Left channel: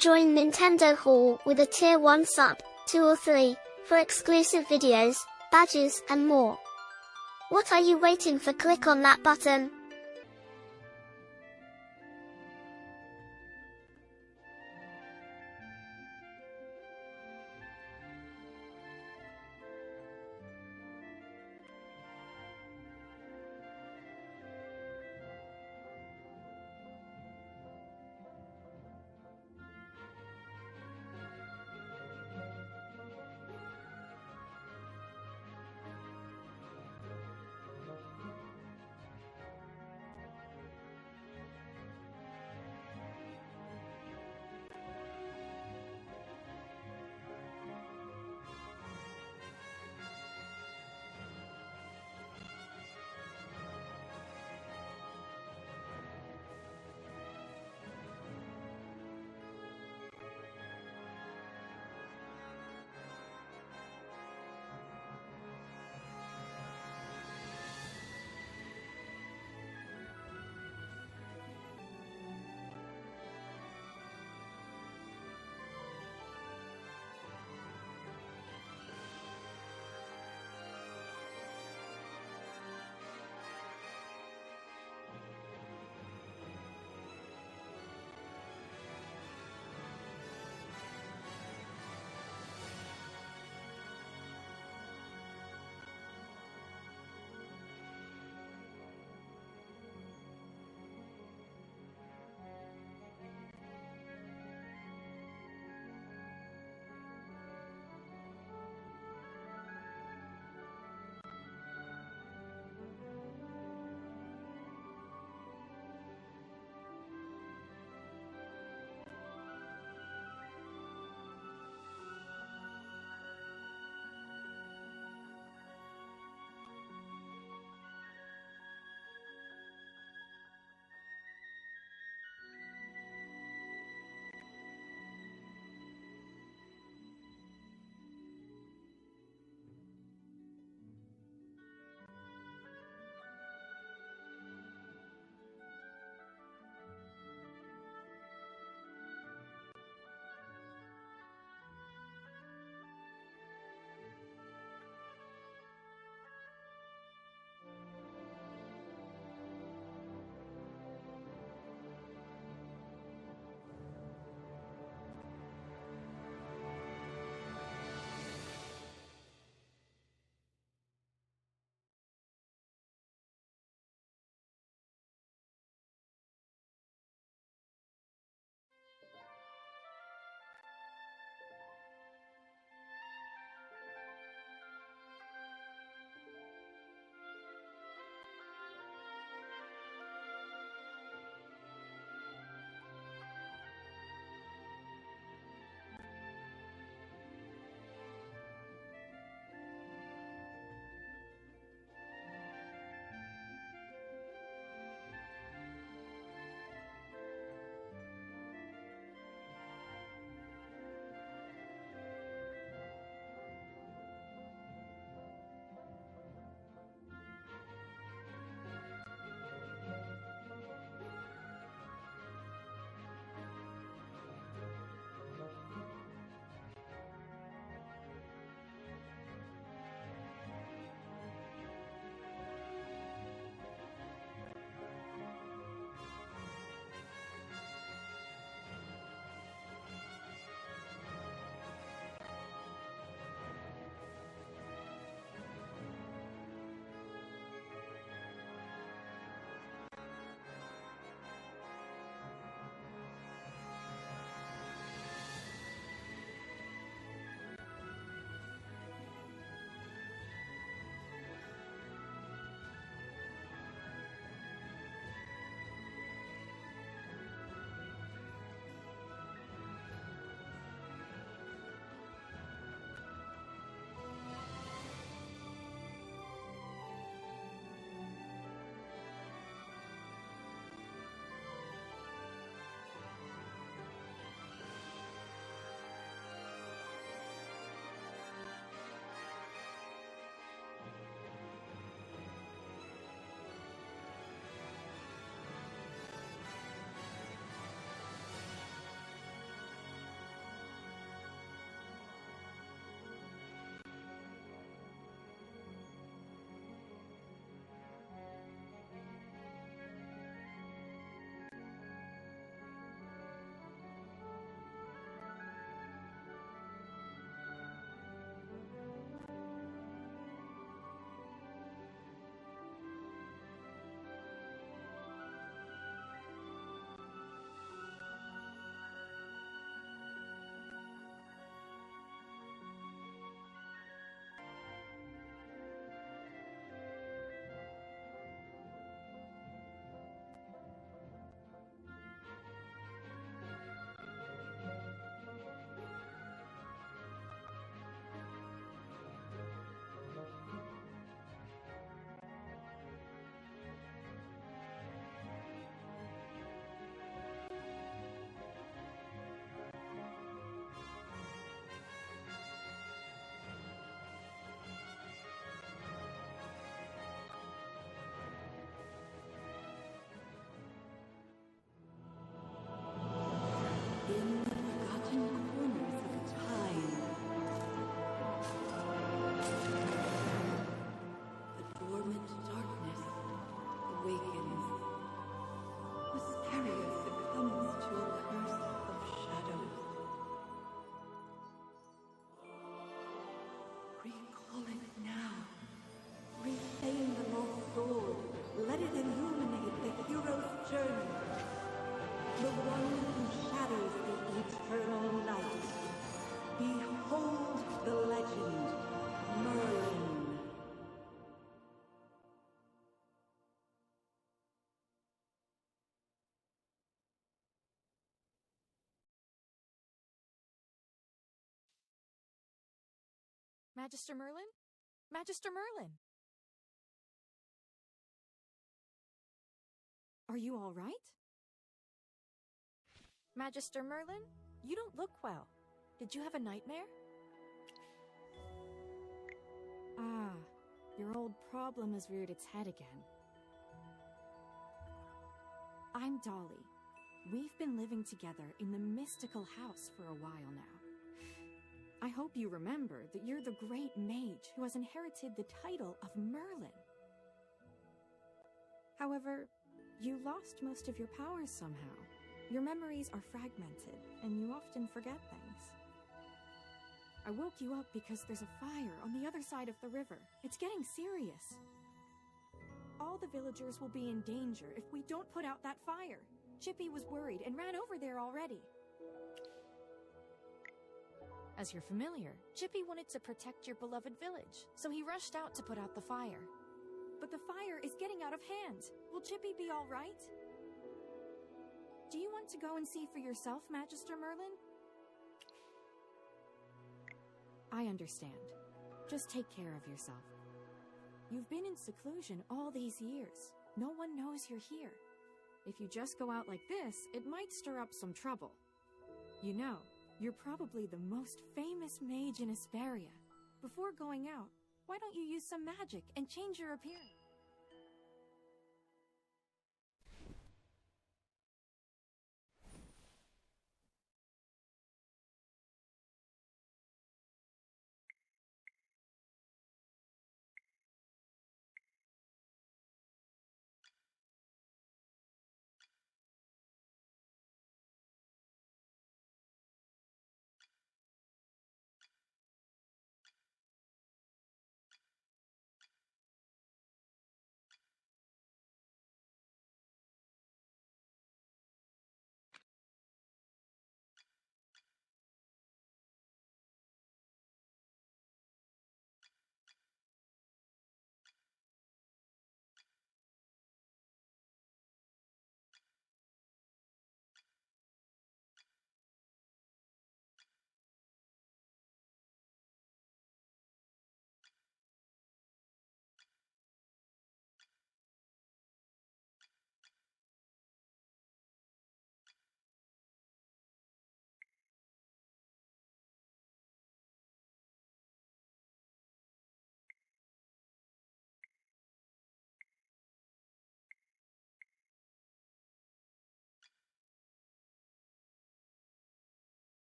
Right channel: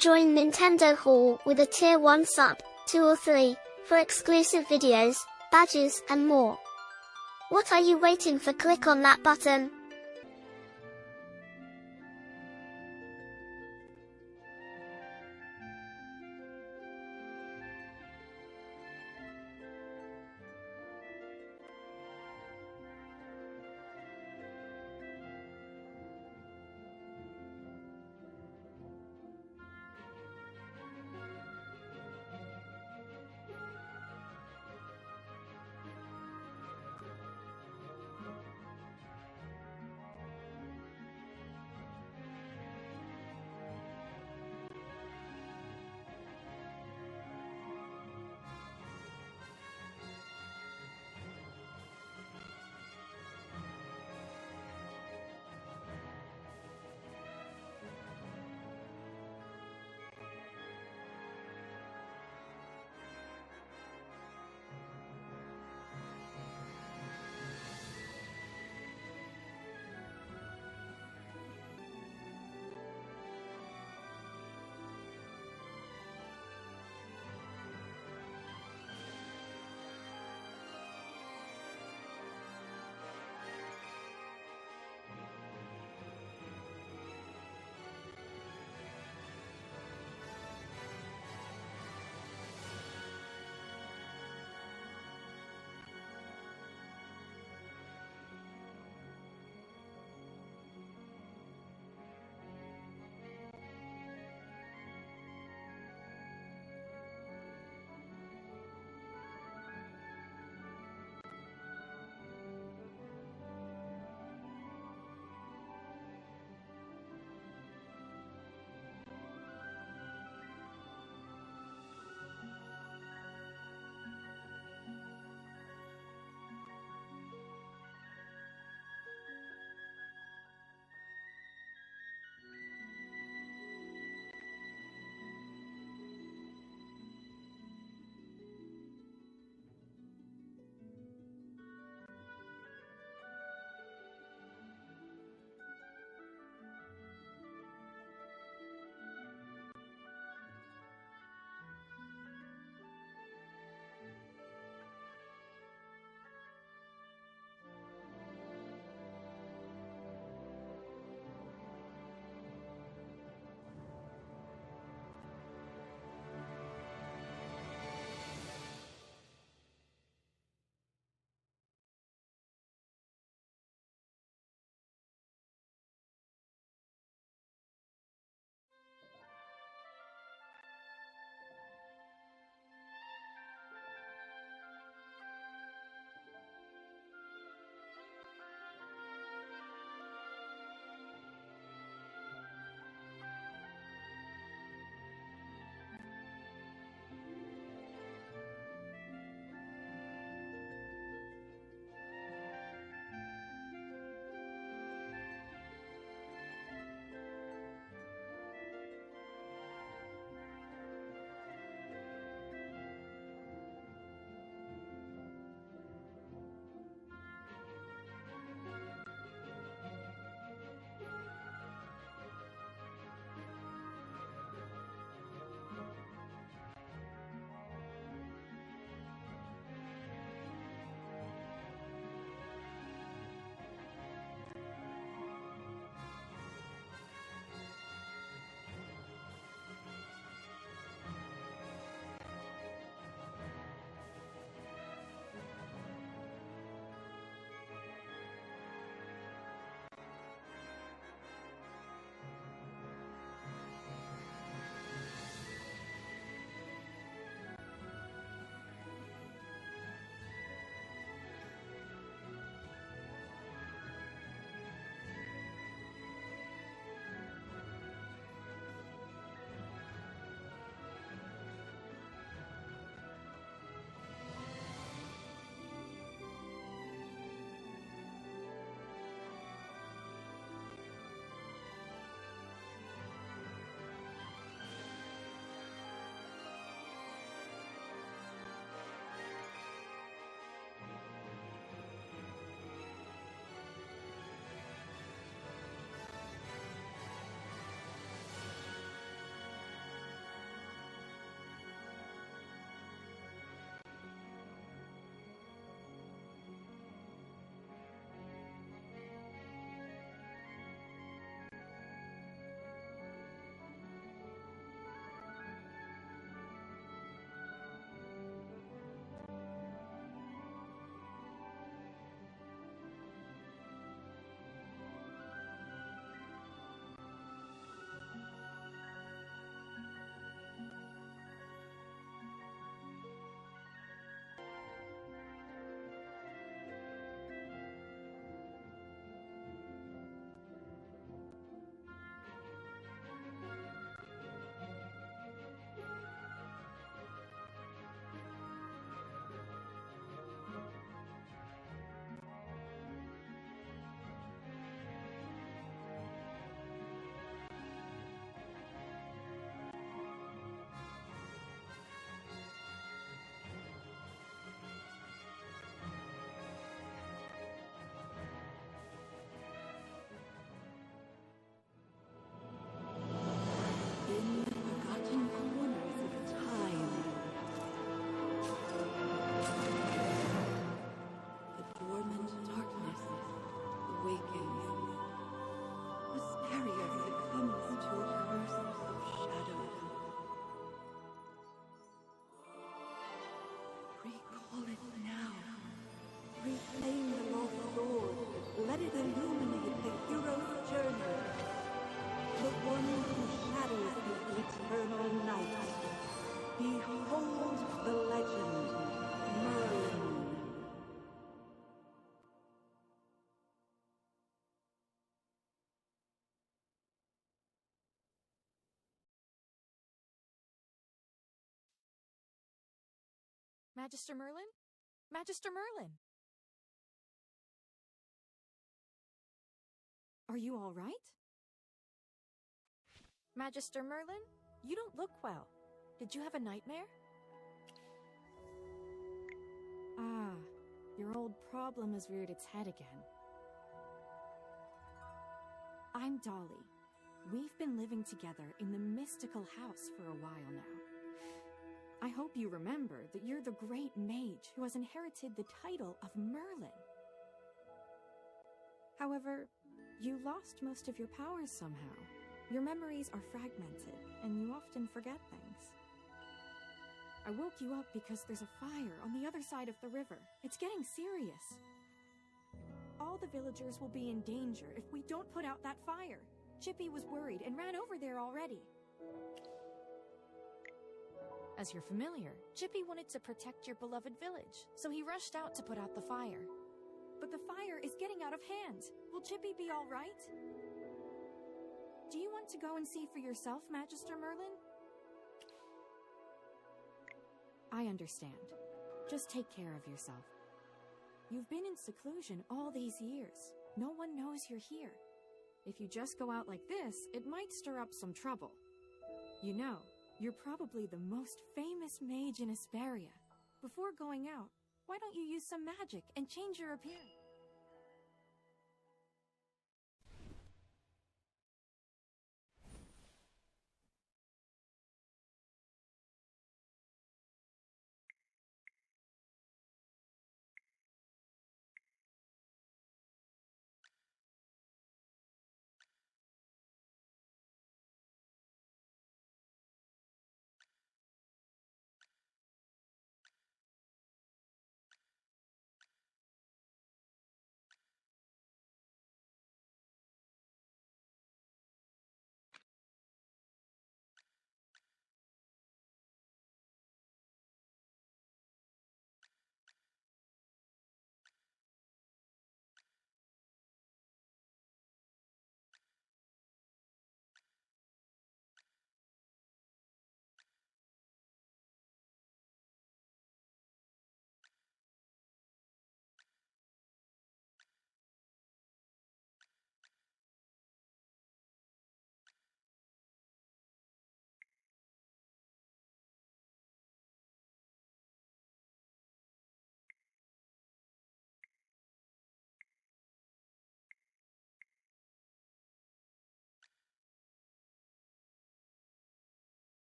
Join Nintendo Hall with a Tier 1 sub, 2 or 3, for exclusive videos, badges, and more. What are you waiting for? Click on that button. Magister Merlin? Magister Merlin! Are you all right? Magister Merlin, you don't look well. Did you have a nightmare? Ah, your old problem has reared its head again. I'm Dolly. We've been living together in the mystical house for a while now. I hope you remember that you're the great mage who has inherited the title of Merlin. However, you lost most of your powers somehow. Your memories are fragmented, and you often forget things. I woke you up because there's a fire on the other side of the river. It's getting serious. All the villagers will be in danger if we don't put out that fire. Chippy was worried and ran over there already. As you're familiar, Chippy wanted to protect your beloved village, so he rushed out to put out the fire. But the fire is getting out of hand. Will Chippy be all right? Do you want to go and see for yourself, Magister Merlin? I understand. Just take care of yourself. You've been in seclusion all these years. No one knows you're here. If you just go out like this, it might stir up some trouble. You know, you're probably the most famous mage in Asperia. Before going out, why don't you use some magic and change your appearance?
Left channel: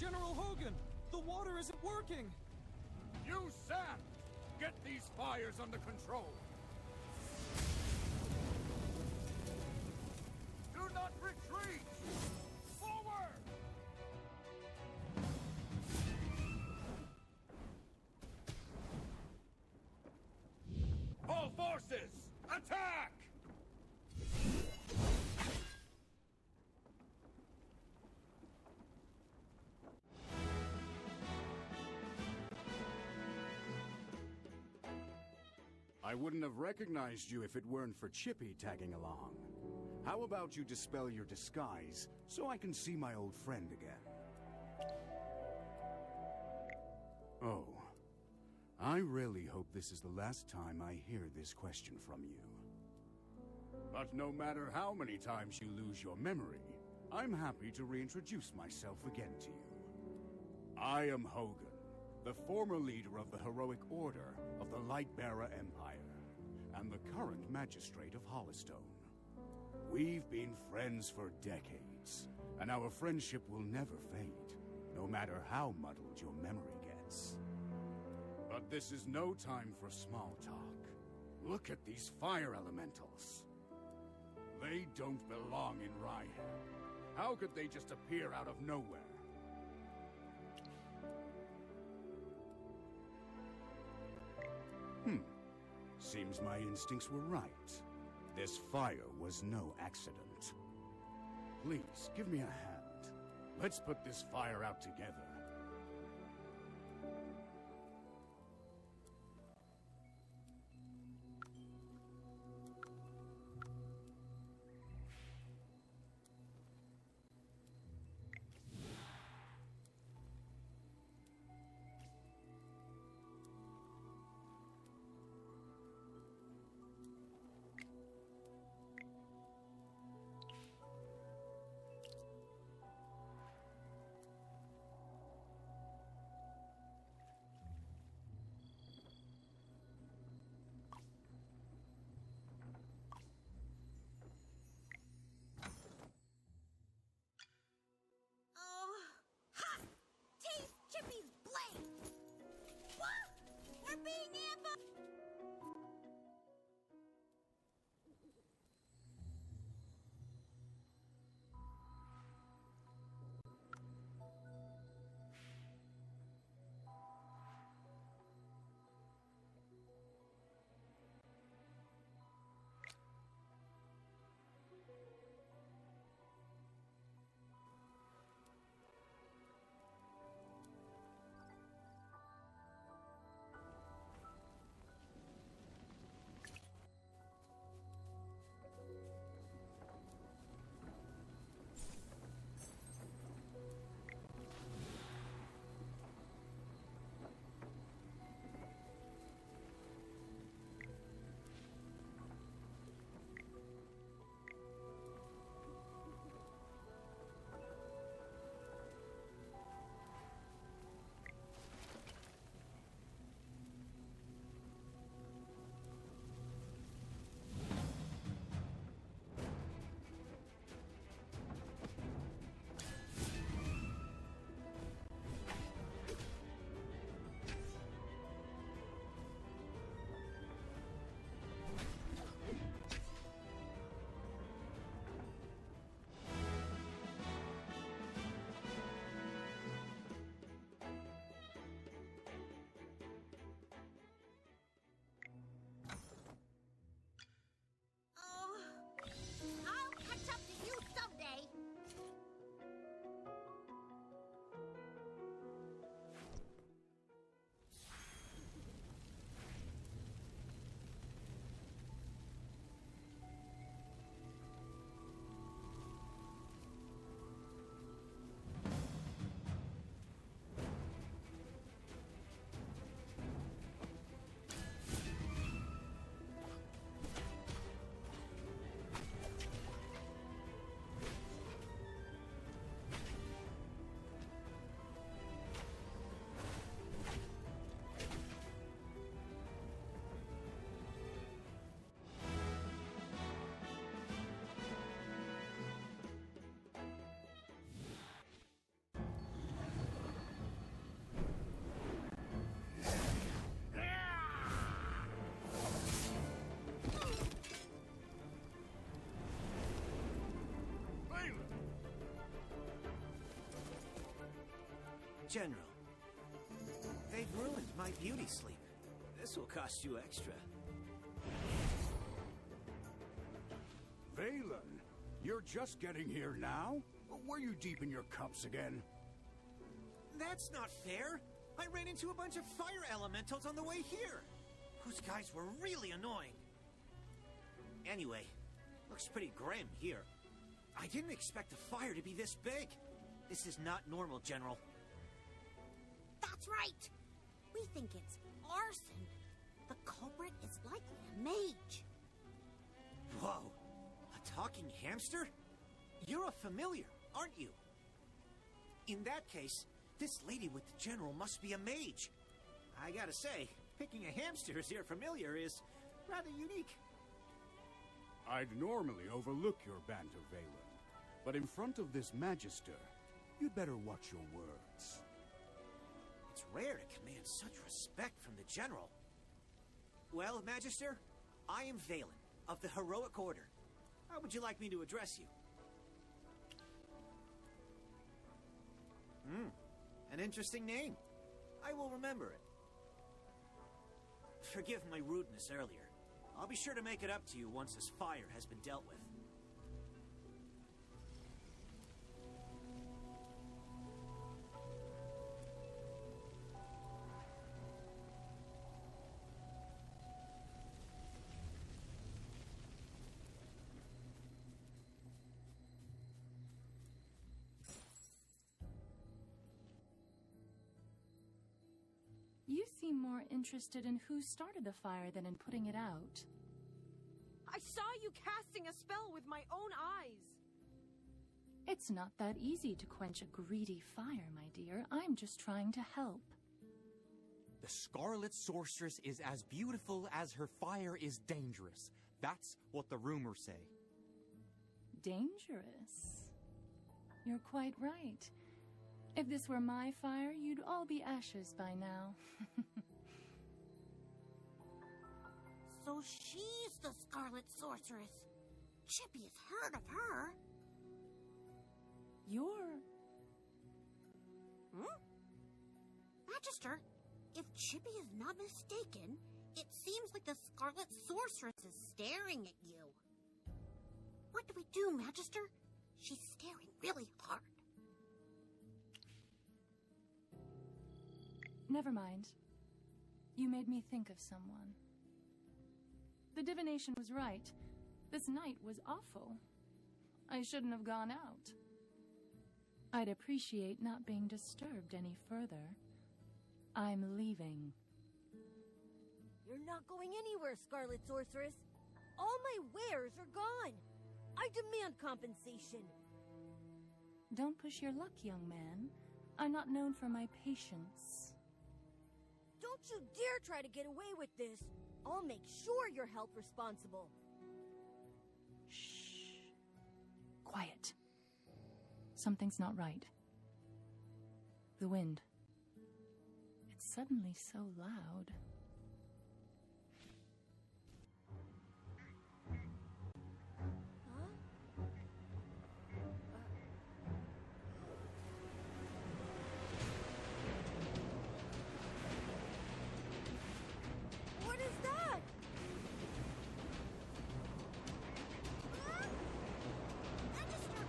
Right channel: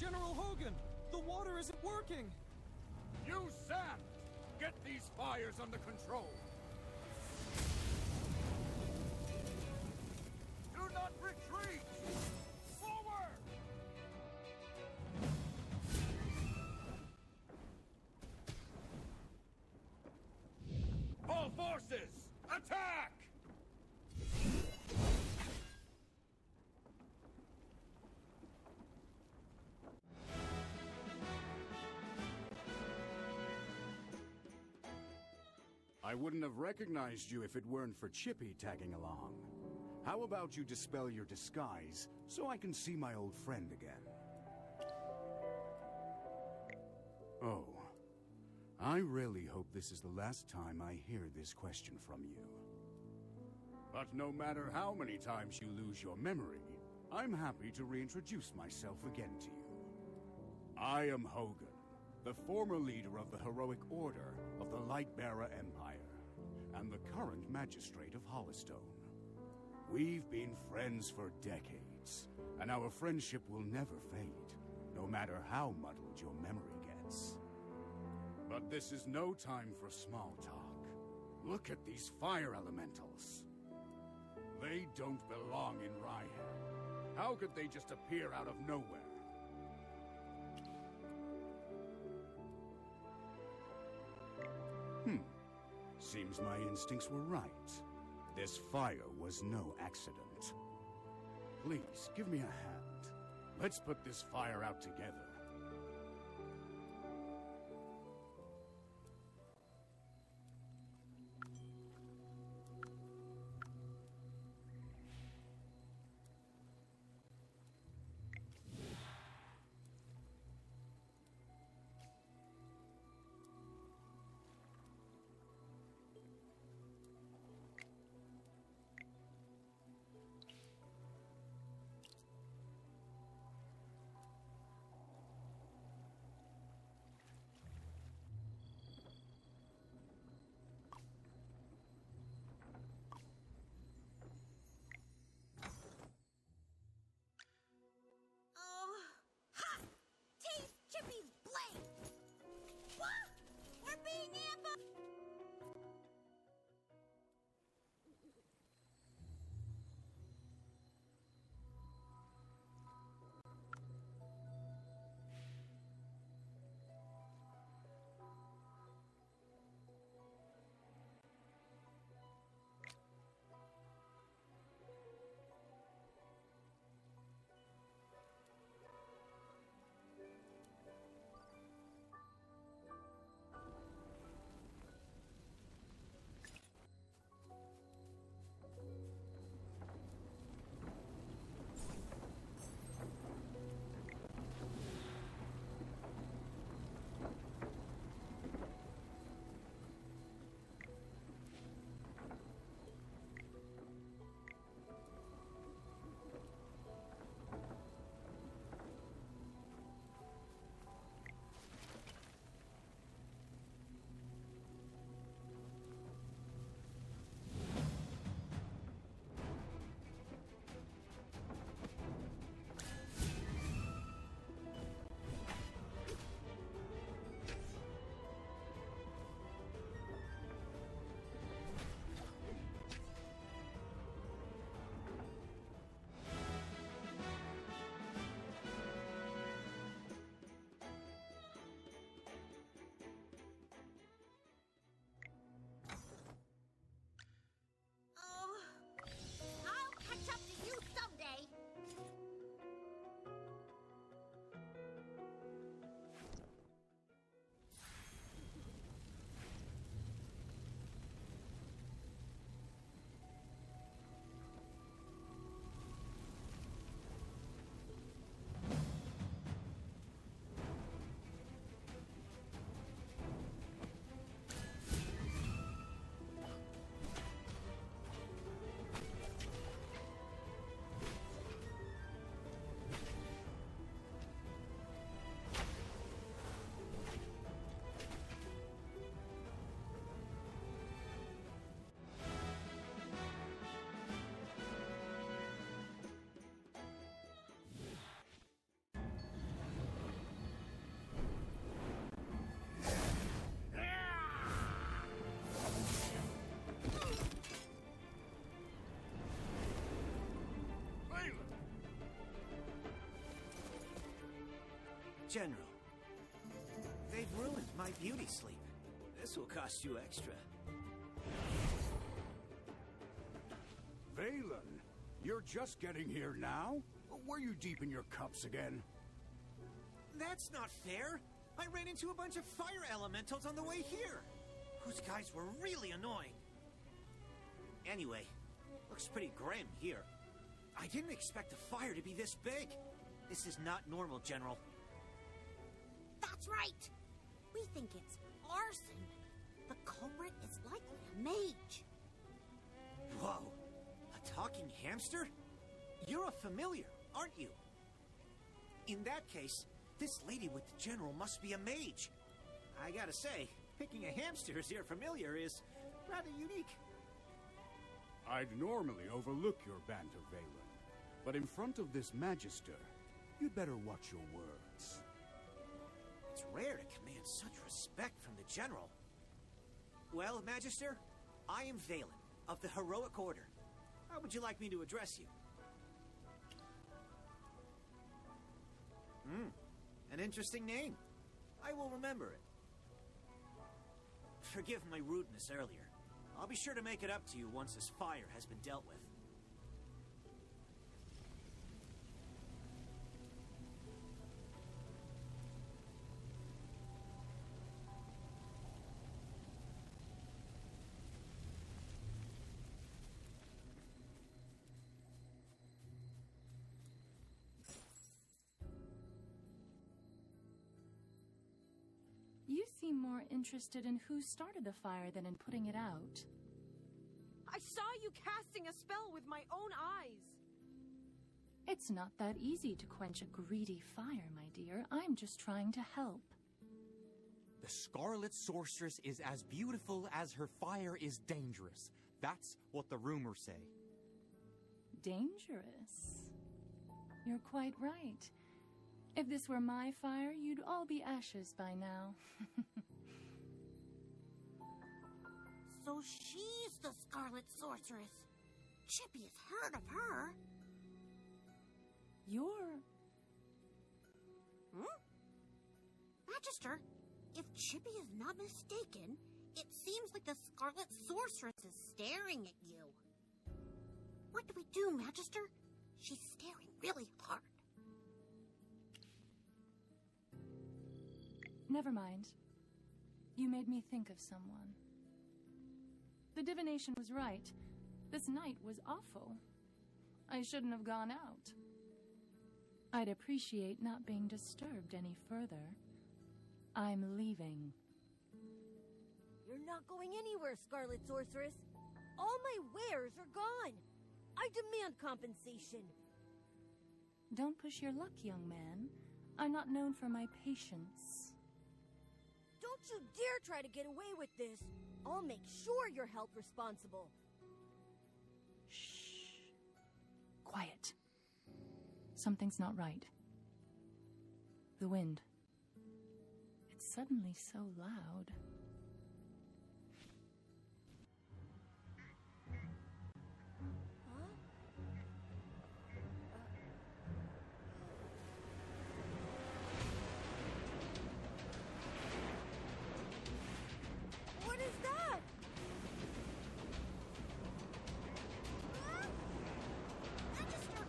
General Hogan! The water isn't working! Use sand! Get these fires under control! Do not retreat! Forward! All forces, attack! I wouldn't have recognized you if it weren't for Chippy tagging along. How about you dispel your disguise so I can see my old friend again? Oh. I really hope this is the last time I hear this question from you. But no matter how many times you lose your memory, I'm happy to reintroduce myself again to you. I am Hogan, the former leader of the heroic order of the Lightbearer Empire, and the current magistrate of Hollystone. We've been friends for decades, and our friendship will never fade, no matter how muddled your memory gets. But this is no time for small talk. Look at these fire elementals. They don't belong in Rhyham. How could they just appear out of nowhere? Seems my instincts were right. This fire was no accident. Please, give me a hand. Let's put this fire out together. General, they've ruined my beauty sleep. This will cost you extra. Valen, you're just getting here now? Were you deep in your cups again? That's not fair! I ran into a bunch of fire elementals on the way here! Those guys were really annoying. Anyway, looks pretty grim here. I didn't expect the fire to be this big. This is not normal, General. That's right! We think it's arson. The culprit is likely a mage. Whoa! A talking hamster? You're a familiar, aren't you? In that case, this lady with the general must be a mage. I gotta say, picking a hamster as your familiar is rather unique. I'd normally overlook your banter, Valen, but in front of this Magister, you'd better watch your words. It's rare to command such respect from the general. Well, Magister, I am Valen, of the Heroic Order. How would you like me to address you? An interesting name. I will remember it. Forgive my rudeness earlier. I'll be sure to make it up to you once this fire has been dealt with. You seem more interested in who started the fire than in putting it out. I saw you casting a spell with my own eyes. It's not that easy to quench a greedy fire, my dear. I'm just trying to help. The Scarlet Sorceress is as beautiful as her fire is dangerous. That's what the rumors say. Dangerous? You're quite right. If this were my fire, you'd all be ashes by now. So she's the Scarlet Sorceress. Chippy has heard of her. You're... Magister, if Chippy is not mistaken, it seems like the Scarlet Sorceress is staring at you. What do we do, Magister? She's staring really hard. Never mind. You made me think of someone. The divination was right. This night was awful. I shouldn't have gone out. I'd appreciate not being disturbed any further. I'm leaving. You're not going anywhere, Scarlet Sorceress. All my wares are gone. I demand compensation. Don't push your luck, young man. I'm not known for my patience. Don't you dare try to get away with this. I'll make sure you're held responsible. Shh. Quiet. Something's not right. The wind. It's suddenly so loud. What is that? Magister!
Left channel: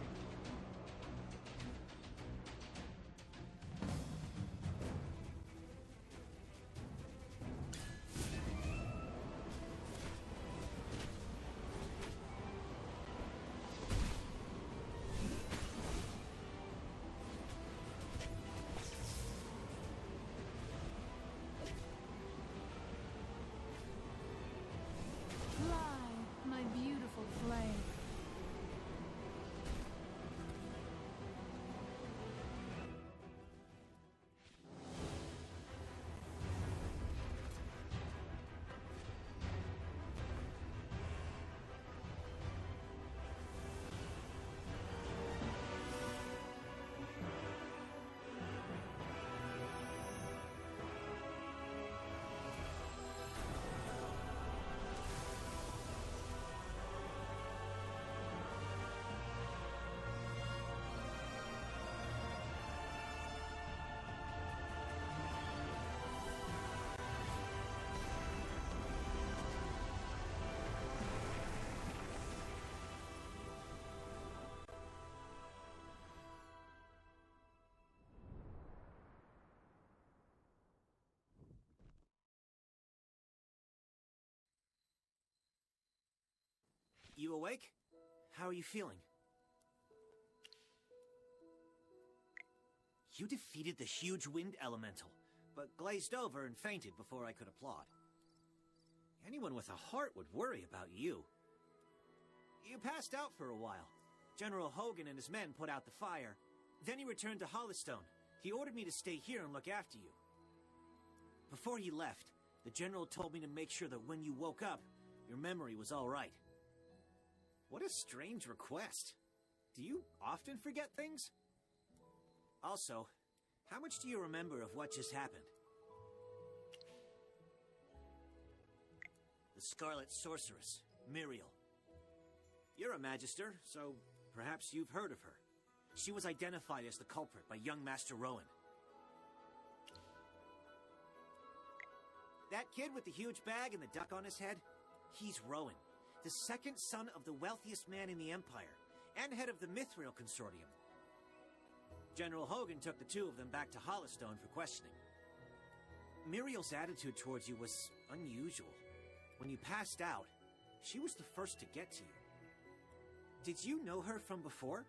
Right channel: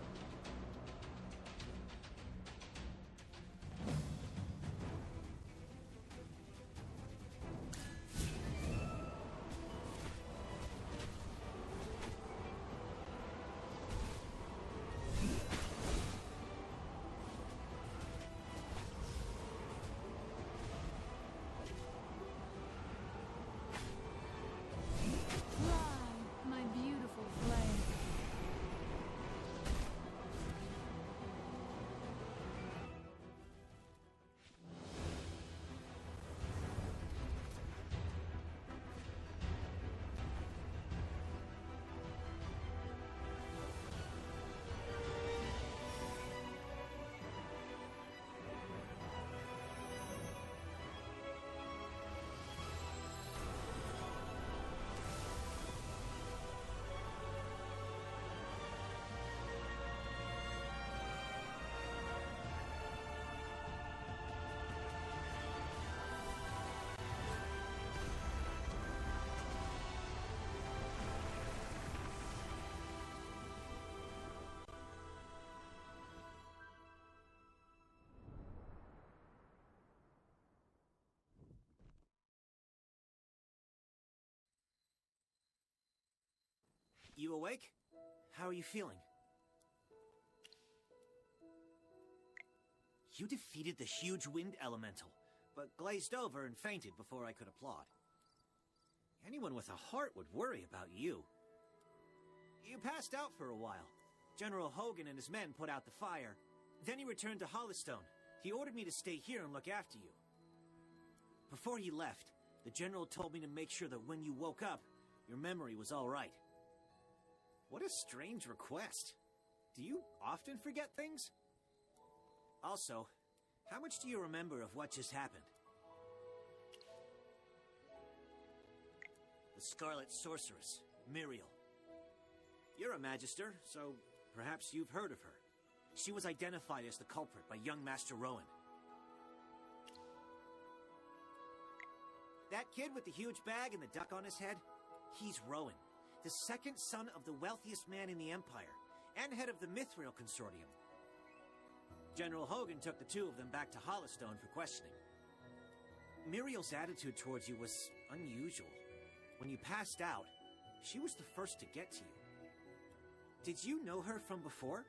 Fly, my beautiful flame. You awake? How are you feeling? You defeated the huge wind elemental, but glazed over and fainted before I could applaud. Anyone with a heart would worry about you. You passed out for a while. General Hogan and his men put out the fire. Then he returned to Hollystone. He ordered me to stay here and look after you. Before he left, the General told me to make sure that when you woke up, your memory was all right. What a strange request. Do you often forget things? Also, how much do you remember of what just happened? The Scarlet Sorceress, Muriel. You're a Magister, so perhaps you've heard of her. She was identified as the culprit by young Master Rowan. That kid with the huge bag and the duck on his head? He's Rowan, the second son of the wealthiest man in the Empire, and head of the Mithril Consortium. General Hogan took the two of them back to Hollystone for questioning. Muriel's attitude towards you was unusual. When you passed out, she was the first to get to you. Did you know her from before?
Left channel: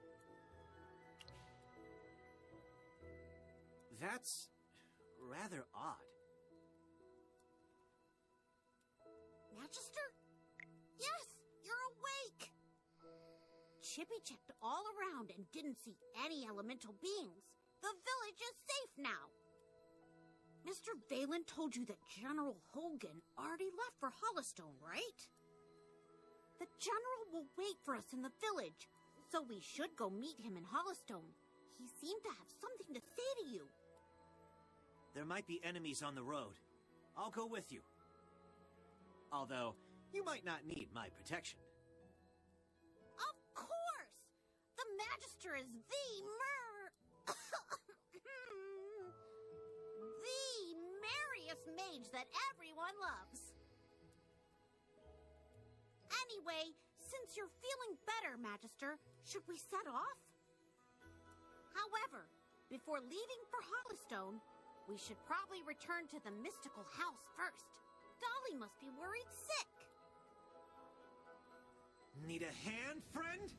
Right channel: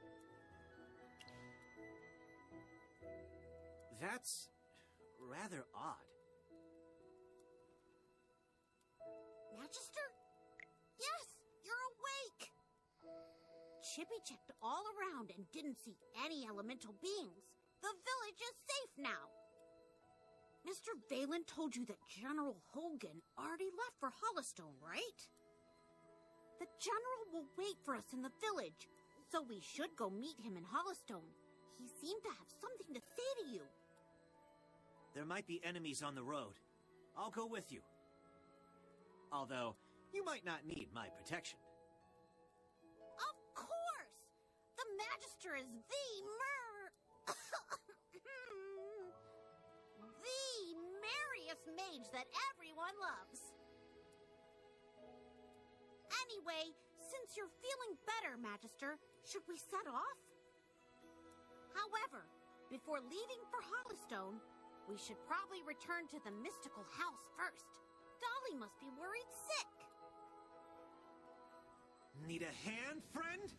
That's rather odd. Magister? Yes, you're awake! Chippy checked all around and didn't see any elemental beings. The village is safe now. Mr. Valen told you that General Hogan already left for Hollystone, right? The General will wait for us in the village, so we should go meet him in Hollystone. He seemed to have something to say to you. There might be enemies on the road. I'll go with you. Although, you might not need my protection. Of course! The Magister is the merriest mage that everyone loves. Anyway, since you're feeling better, Magister, should we set off? However, before leaving for Hollystone, we should probably return to the mystical house first. Dolly must be worried sick. Need a hand, friend?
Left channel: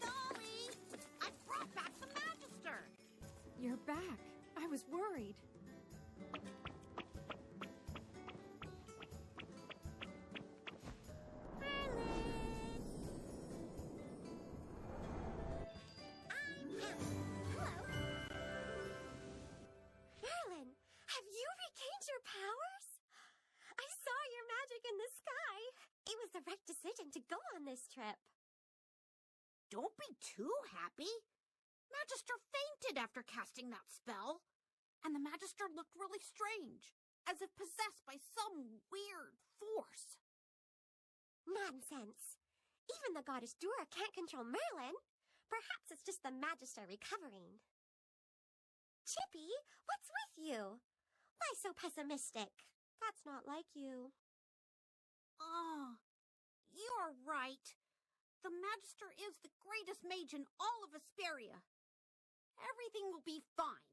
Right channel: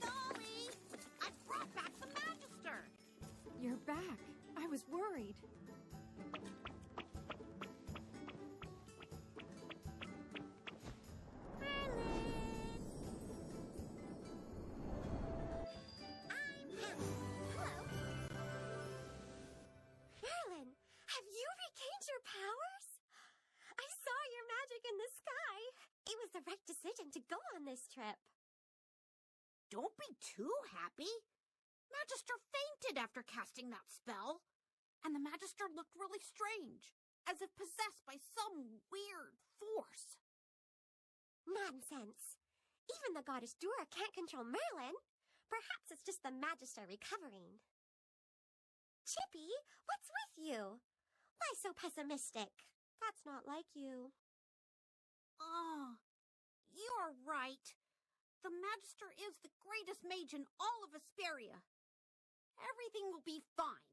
Dolly! I brought back the Magister! You're back. I was worried. To go on this trip. Don't be too happy. Magister fainted after casting that spell. And the Magister looked really strange, as if possessed by some weird force. Nonsense. Even the goddess Dura can't control Merlin. Perhaps it's just the Magister recovering. Chippy, what's with you? Why so pessimistic? That's not like you. Oh, you're right. The Magister is the greatest mage in all of Asperia. Everything will be fine.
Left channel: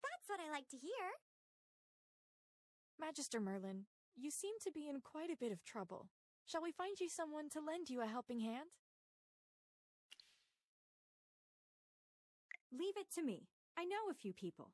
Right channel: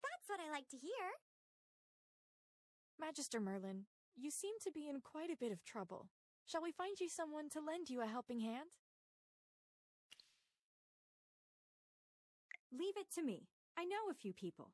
That's what I like to hear. Magister Merlin, you seem to be in quite a bit of trouble. Shall we find you someone to lend you a helping hand? Leave it to me. I know a few people.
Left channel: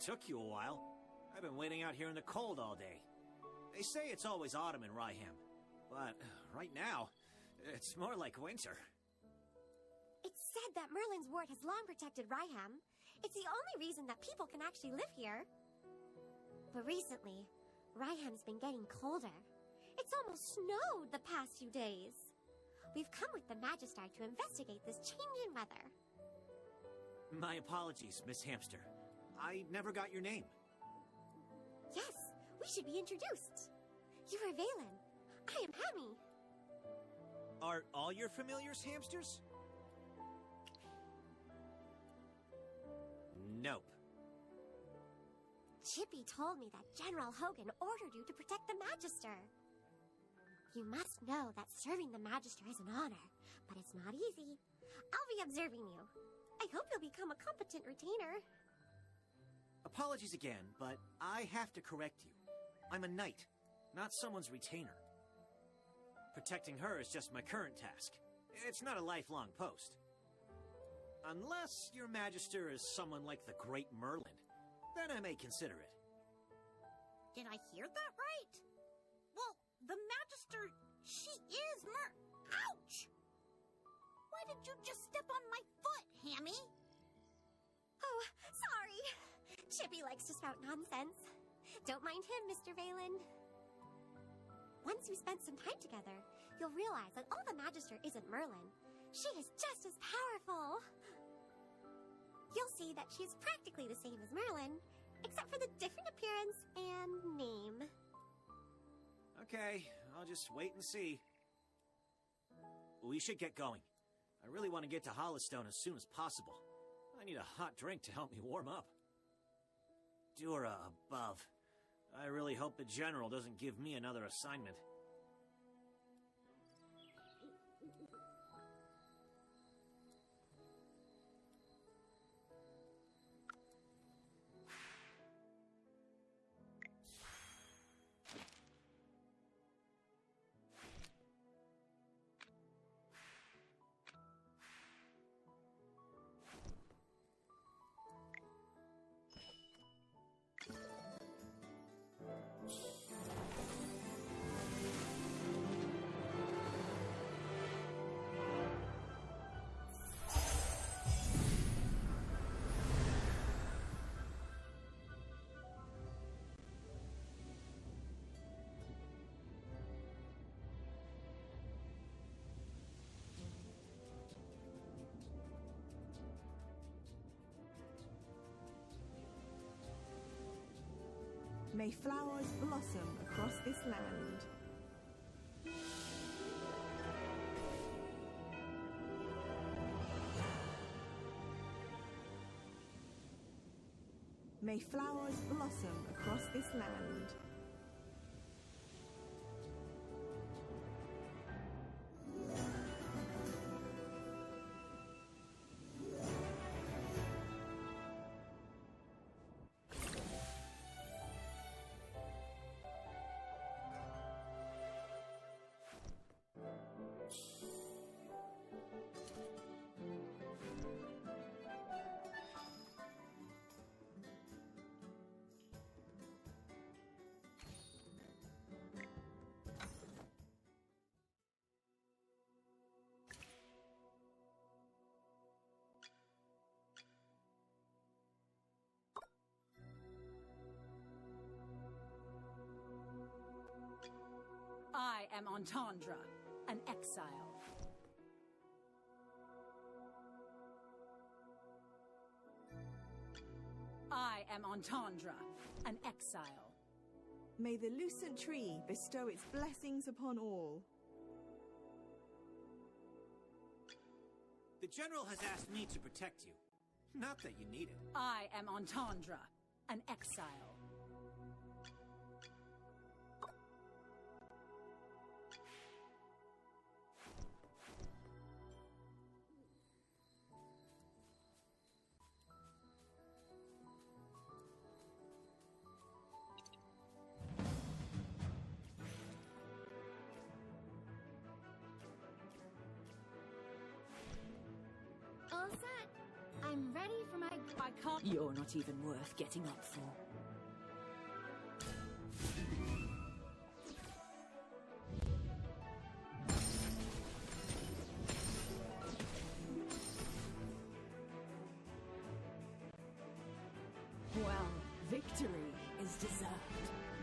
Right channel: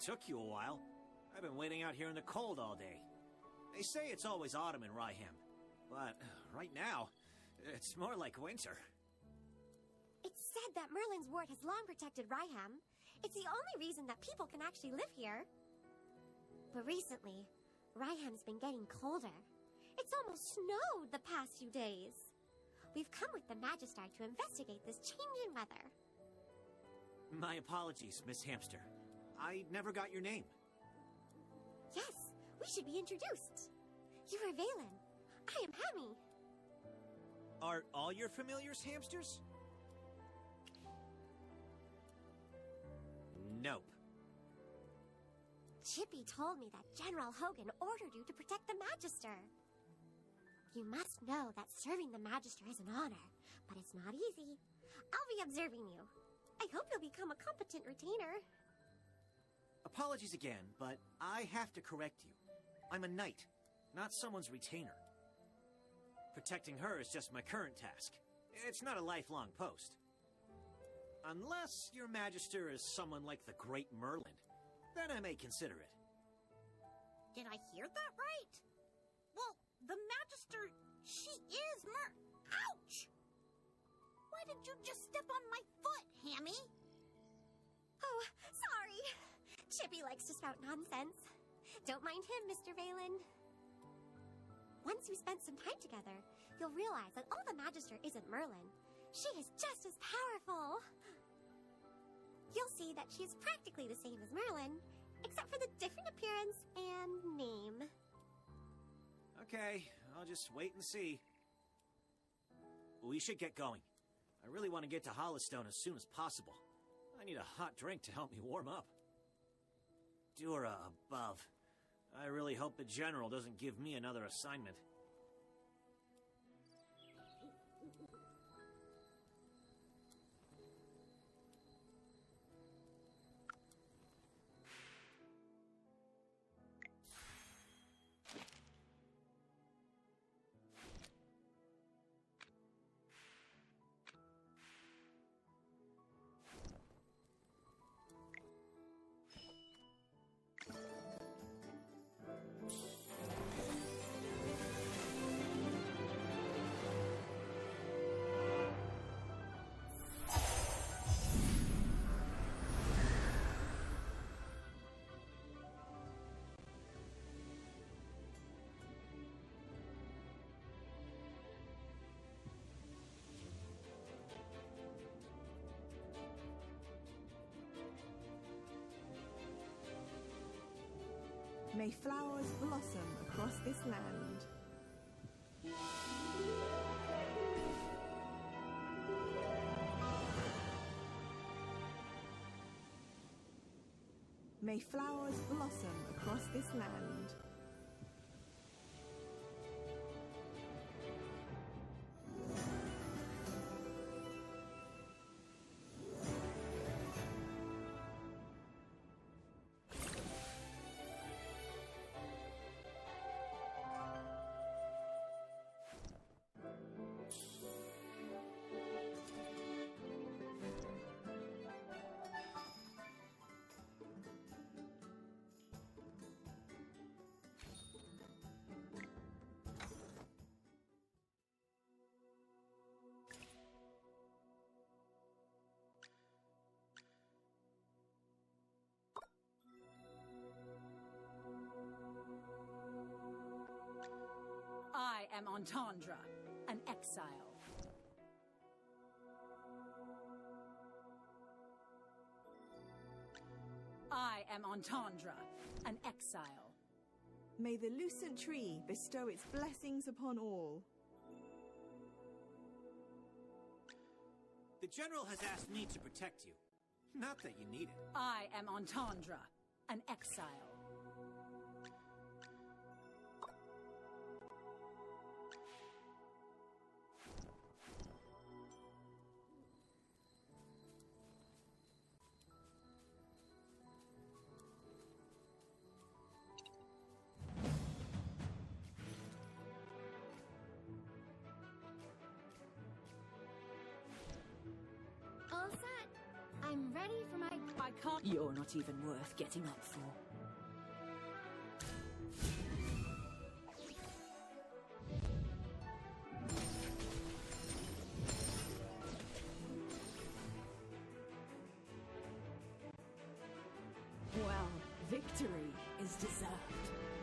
Took you a while. I've been waiting out here in the cold all day. They say it's always autumn in Ryham, but right now, it's more like winter. It's said that Merlin's ward has long protected Ryham. It's the only reason that people can actually live here. But recently, Ryham's been getting colder. It's almost snowed the past few days. We've come with the Magister to investigate this change in weather. My apologies, Miss Hamster. I never got your name. Yes, we should be introduced. You are Valen. I am Hammy. Are all your familiars hamsters? Nope. Chippy told me that General Hogan ordered you to protect the Magister. You must know that serving the Magister is an honor, but it's not easy. I'll be observing you. I hope you'll become a competent retainer. Apologies again, but I have to correct you. I'm a knight, not someone's retainer. Protecting her is just my current task. It's not a lifelong post. Unless your Magister is someone like the Great Merlin, then I may consider it. Did I hear that right? Well, the Magister, she is Ouch! Why did you just step on my foot, Hammy? Oh, sorry. Chippy likes to spout nonsense. Don't mind him, Mr. Valen. Once you spend some time together, you'll realize that all the Magister isn't Merlin. She is just as powerful. You'll see that she is practically the same as Merlin, except for the different appearance and name. Okay, I'll just wait and see. We should get going. I really want to get to Hollowstone as soon as possible. I need a hot drink to help me warm up. Dura above. I really hope the General doesn't give me another assignment. May flowers blossom across this land. May flowers blossom across this land. I am Entendre, an exile. I am Entendre, an exile. May the lucent tree bestow its blessings upon all. The General has asked me to protect you. Not that you need it. I am Entendre, an exile. All set. I'm ready for my... I can't... You're not even worth getting up for. Well, victory is deserved.